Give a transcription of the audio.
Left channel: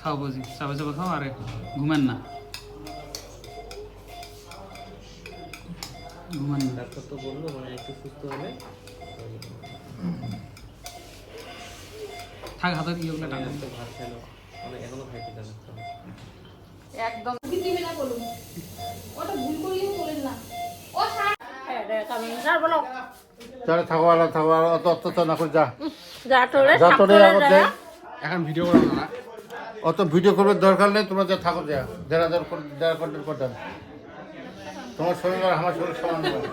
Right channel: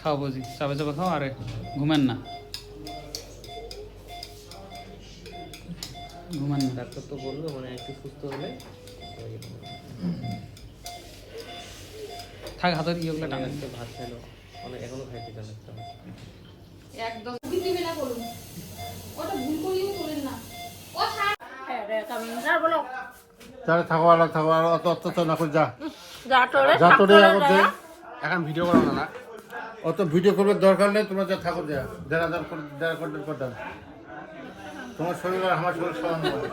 খাও বুঝি চাপা চাপা খাও আরে ঘুমেন না ডাক্তার তো বললো মানে একটু সুস্থ হলে থাক হাতে কি অনেক আজকে ভাত খেলো অনেক এখনো খাইতে জান একদম দিবে না বলুন ওটা ভুল করিও বলেন না ও হ্যাঁ রে কারণ স্যার বলো যারা থাকো অত অত্যাচার না করে যা যতরে আগতে এখন ভিডিও করো না অত ভিডিও করবার দরকার নেই তোমরা যা থাকো যা যারা যারা কন্টেন্ট করতেন তোমার শরীর আর আমার শরীর সমান নয়।